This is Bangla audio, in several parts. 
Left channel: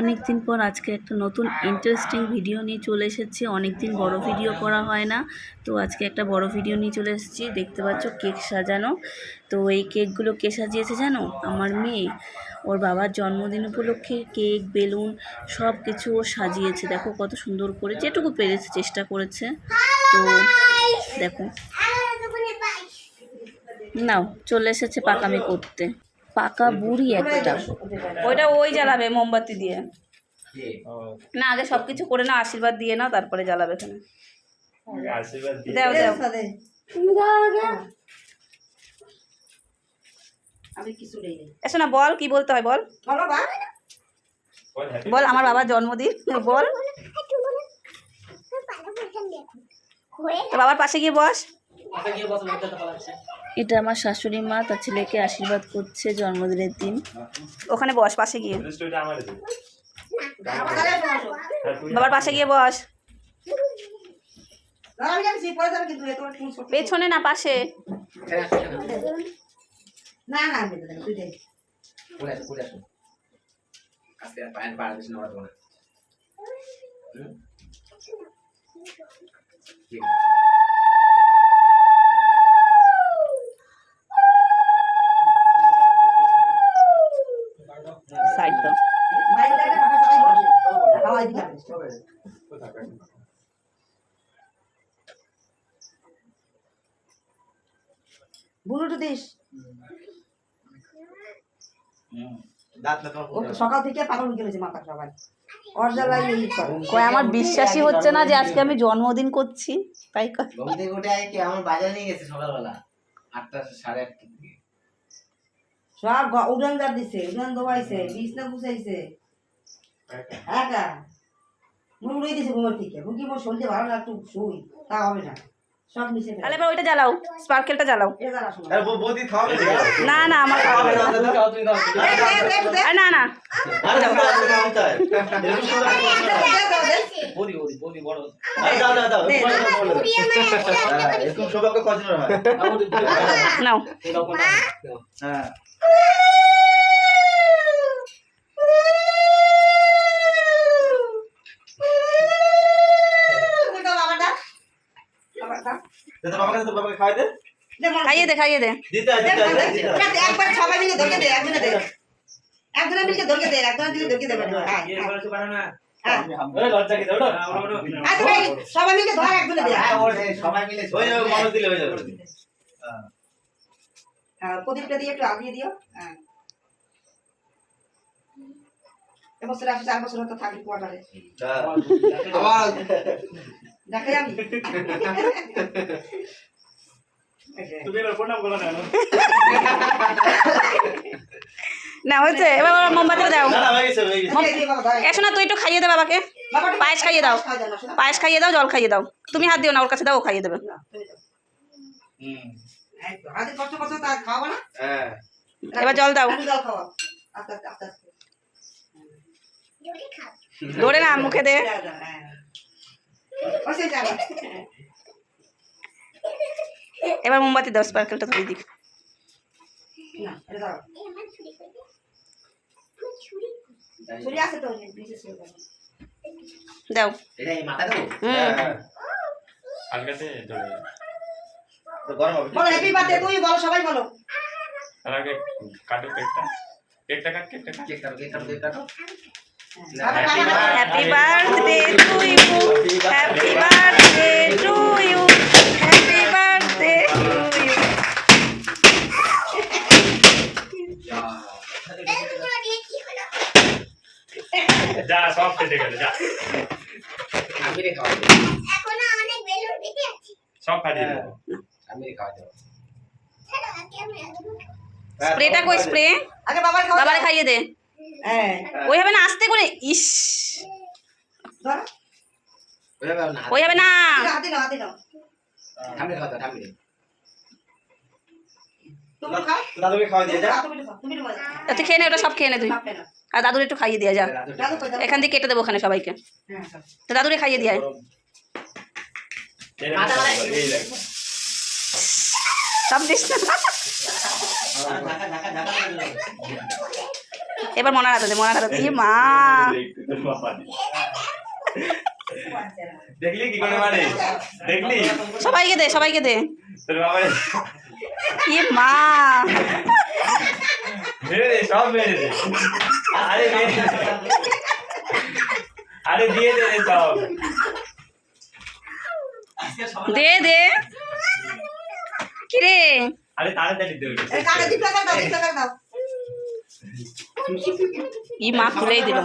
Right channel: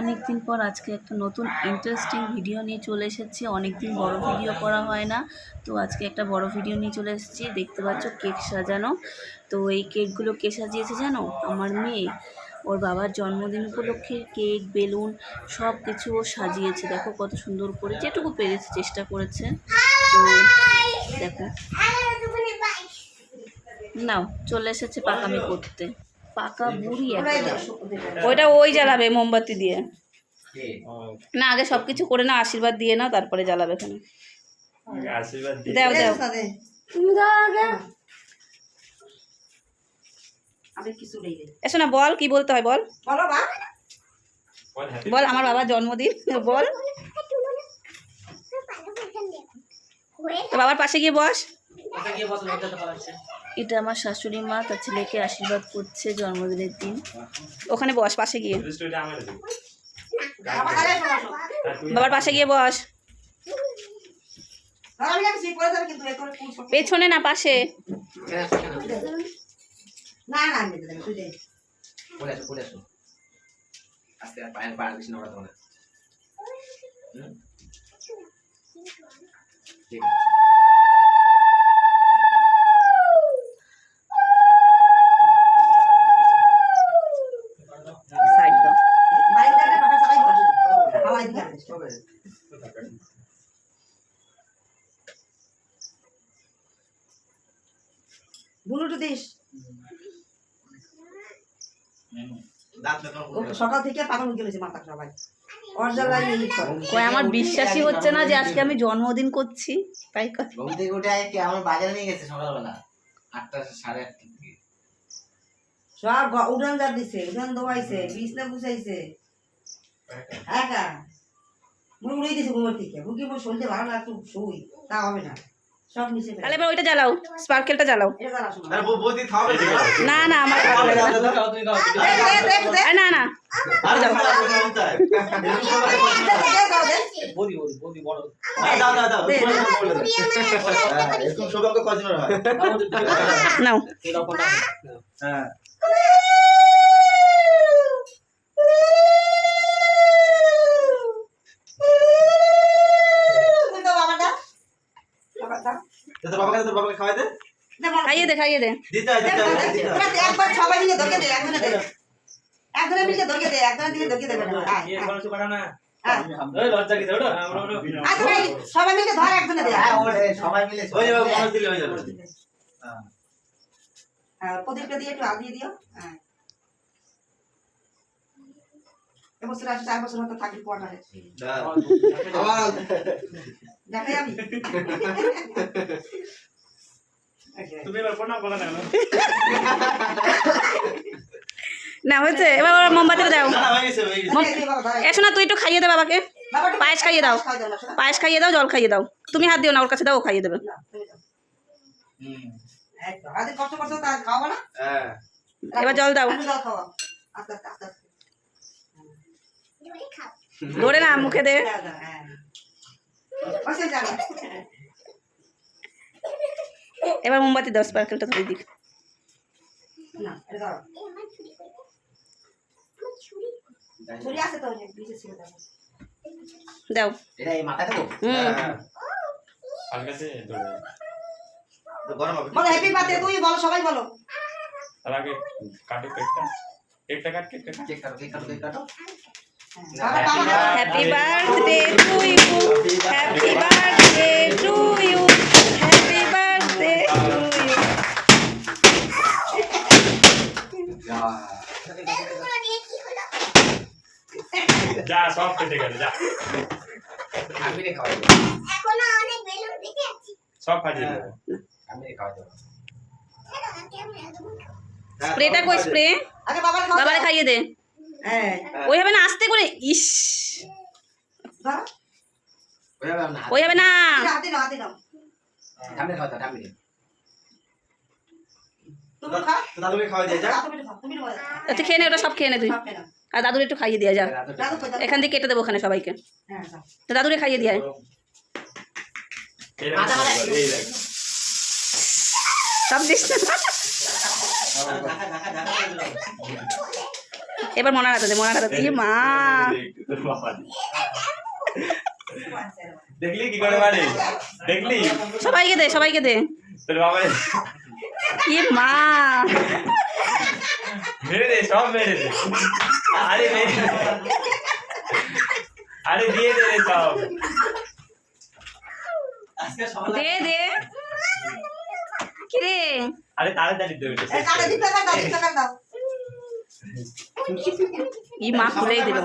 অনেক দিন পর আজকে একটা নতুন ইন্টারেস্টিং ভিডিও নিয়ে চলে এসেছি। অনেক দিন বড় ভিডিও করা হয় না, তো আজকে একটা বড় ভিডিও নিয়ে চলে এসেছি। দেখতে পাচ্ছ কেক সাজানো। তো এই কেকগুলো কে সাজিয়েছে জানো? আমার মেয়ে। ওর বাবার জন্মদিন উপলক্ষে কেক, বেলুন সব কিছু ও সাজিয়েছে। দেখো কত সুন্দর করে, যেটুকু পেরেছে চেষ্টা করেছে। তো দেখো, নাও চলে এসেছে পাকামি করতে। পাকা বুড়ি একটা। ওইটা ওই জ্বালাবে মোমবাতি দিয়ে। না, আগে সবকিছু করে না, আশীর্বাদ দিয়ে নাও, তারপরে জ্বালাবে এখানে। দাও দাও, তুমি দাও আগে। এসো না, বল কি বলতে হয়, বল বল। আমার বাবার জন্মদিন, বল। বাবার পাশে গিয়ে বস। এটা আমার শাশুড়ি মা তার ছেলেকে আশীর্বাদ করছে জন্মদিনের দিন। ওখানে বস, পাশে গিয়ে। বাবার পাশে গিয়ে বস। পেছনে না, পাশে। সাইড দাও। বুলুটু দিস। সকাল থেকে পাগল হয়ে গেছে মাথা সবাই। আমার বিশ্বাসই হচ্ছে না যে আজকে আমি জন্মদিন করছি। তাই আমার বাজারে নিয়ে গেছে সকালবেলা 8টা 8:30 থেকে। সব উড়ান দার দিছে, উড়ান দোয়াইছে, বিছনা গুছাইছে। একা মুই উড়াই দিছে ঘুমের থেকে। মুই কি মোর শরীরটা ভালো লাগতো, শুই তা হবে না। সব নিচে ফেলে। তাহলে এবার ওইটা জ্বালাও, স্পার্কেলটা জ্বালাও। এটা জ্বালা শোনা। আরে বৌদি থামো না না, আমার খাওয়া লাগবে না। না না, আরে দাও তাই বৌদি বড় দাও এরকম সৌভাগ্য কজনের হয়? নাও। হ্যাঁ তোর বাবাকে খাওয়াই দে। খাইয়ে দে, খাইয়ে দে। দিতে একবার সবাই মিলে ধরকে দে, একজনে দে। একজনে মিলে ধরকে দে, একজনে দিলে ধরকে দেবে না। এই বলছো পারো না। এই লজ্জা কি ওটা? সবাই মিলে ধর, একজনে দে। সবাই মিলে ওই মানুষ দিলে হয়ে যাবে। হ্যাঁ, প্রদীপটা দিয়ে একটু আগিয়ে দিও। হ্যাঁ, এবছর আসছে, 4 বছর হয়তো থাকবি কোয়ার্টারে। আমার দেখাই আমি। তুমি এবার প্রণাম করো না। না হয়েছে, এবার মোমবাতি দাও। না হয়ে গেছে হয়ে গেছে। এসো না, তুই একটু খাইয়ে দে বাবাকে। পায়েস খাইয়ে দাও, পায়েস খাইয়ে দাও, জল খাইয়ে দাও। তুমি হাত দিও না, ওর কাছে দাও, ও খাইয়ে দেবে। আজ কষ্ট কষ্ট তা খাওয়া না। হ্যাঁ এবার জল দাও। জল খাওয়া আস্তে আস্তে আস্তে আস্তে। ধরে না, মুখে দে। হ্যাঁ বসে যাবে। এবার মোমবাতি দাও, স্পার্কেলটা ধরে দিক। না এটা দাও। ছুরি আছে তো, নিচে ছিল দাও। দাও। এটা এই মাথা দেবো। আলগাতে ধরে। তো গরম হবে। বলো হ্যাপি বার্থডে, তুই বলো, সবাই বলো। তার আগে কাটো কেকটা। কেকটা কাট। কেক কাটো। Happy birthday to you, happy birthday to you, happy birthday to you. যা সব কেটে গেল, যা আমি রে খাওয়াই দেব। এখন অনেক বেলুন কেটে আছে। সব ফাটিয়ে দেবো। আমি রে খাওয়াই দেব। স্প্রেটা কই, স্প্রে? আগে বাবার খাওয়া। বাবাকে খাইয়ে দে। হ্যাঁ ওইভাবে না, আস্তে করে। ইস, ধরো। ওইভাবে না। ওইভাবে না। হাতে নাও, হাতে নাও। আমি রে খাওয়াই আমি রে। তুমি খাও। দাদুকে খাওয়াই দিয়ে যা। তুমি খাও, তুমি খাও। তুই খেয়ে নে, ওটা সব খেয়ে নে তুই। খাও না। আর দাদুর একটু খাইয়ে দিয়ে যা। দাদু কই দাও। এখান থেকে কেটে দেবো ওখানে সবাইকে। হ্যাঁ খাও। তো দাদুরে খাইয়ে দিয়ে আয়। এই দেখ। সব দিস না। ঢাকা এবার মনার হাতে দে, মনার হাতে দে। এ মা, তোর বাবা দি। দেখলি কি করে মারে? দেখলি? সবাইকে দে, সবাইকে দে। তোর বাবা এ মা, মেরে দে, সব মেরে দে। আরে মেরে দে। আরে দিয়ে দে রে সব। দে দে। কি রে? আরে তাড়াতাড়ি দে ওটা। এই কাকে দিতে দাও, দিতে দাও। ই মা খুলেই দিল।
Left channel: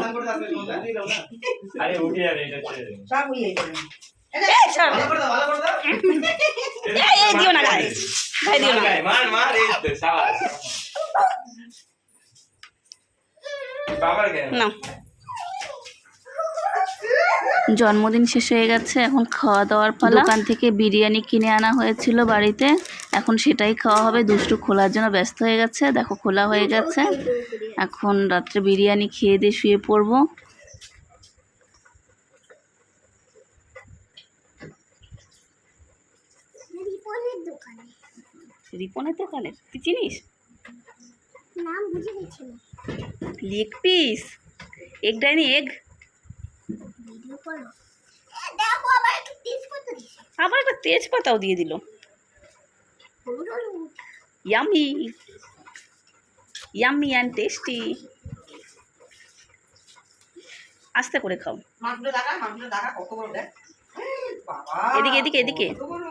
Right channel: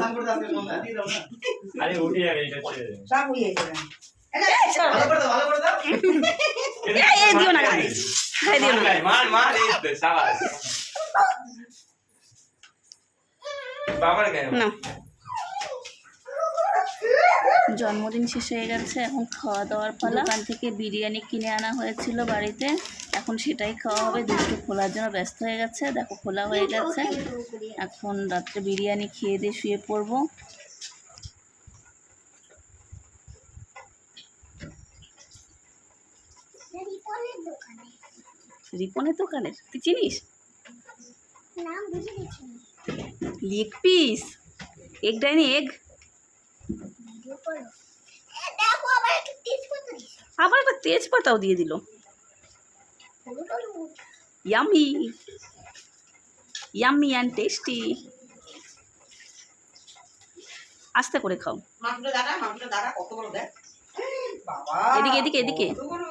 আরে উঠে যাবে এটা ছেড়ে দে। সব হয়ে গেছে। এই ছাড়। ভালো করে দাও, ভালো করে দাও। এই দিও না গায়ে, গায়ে দিও না। মার মার এই তো শাবাশ। বাবার কেন? না, জন্মদিন শেষ হয়ে গেছে, এখন খাওয়া দাওয়ার পালা। দোকান থেকে বিরিয়ানি কিনে আনা হয়েছিল বাড়িতে, এখন সেটাই খাওয়া হবে। দুষ্টু খোলার জন্য ব্যস্ত হয়ে গেছে, দেখো খোলা হয়ে গেছে। এখন রাত্রে বিরিয়ানি খেয়ে দিয়ে শুয়ে পড়বো। রিপনের দোকানে রিপনের দোকানের, তুই চিনিস? নাম বুঝে দিচ্ছি না, লেগ পিস, এগ ডাইনি এগ, ভিডিও করো। দেখো আবার একটু তেজপাতা দিছে, আবার একটা তেজপাতাও দিয়ে দিল। হলুদ হলুদ। Yummy, yummy and tasty. আস্তে করে খাও। মাংসটা দেখা কত বড় দেখ। বাবা। এদিকে, এদিকে, এদিকে। কত বড়।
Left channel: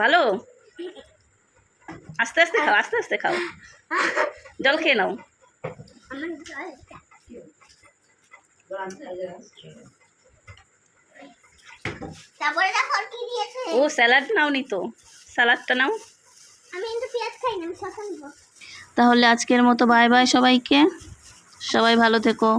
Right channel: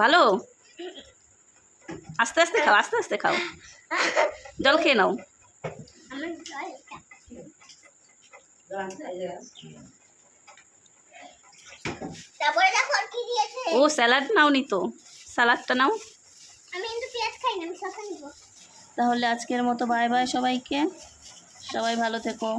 ভালো, আস্তে আস্তে খাও, আস্তে আস্তে খাও। জল খেয়ে নাও। আমার জলটা তারপরে দেখো আর কি দিয়েছে। ও স্যালাড নাও নি তো, স্যালাডটা নাও। আমি কিন্তু পেঁয়াজ খাই না, আমি শসা নিব। তাহলে আজকের মতো বাই বাই সবাইকে, সবাই ভালো থেকো।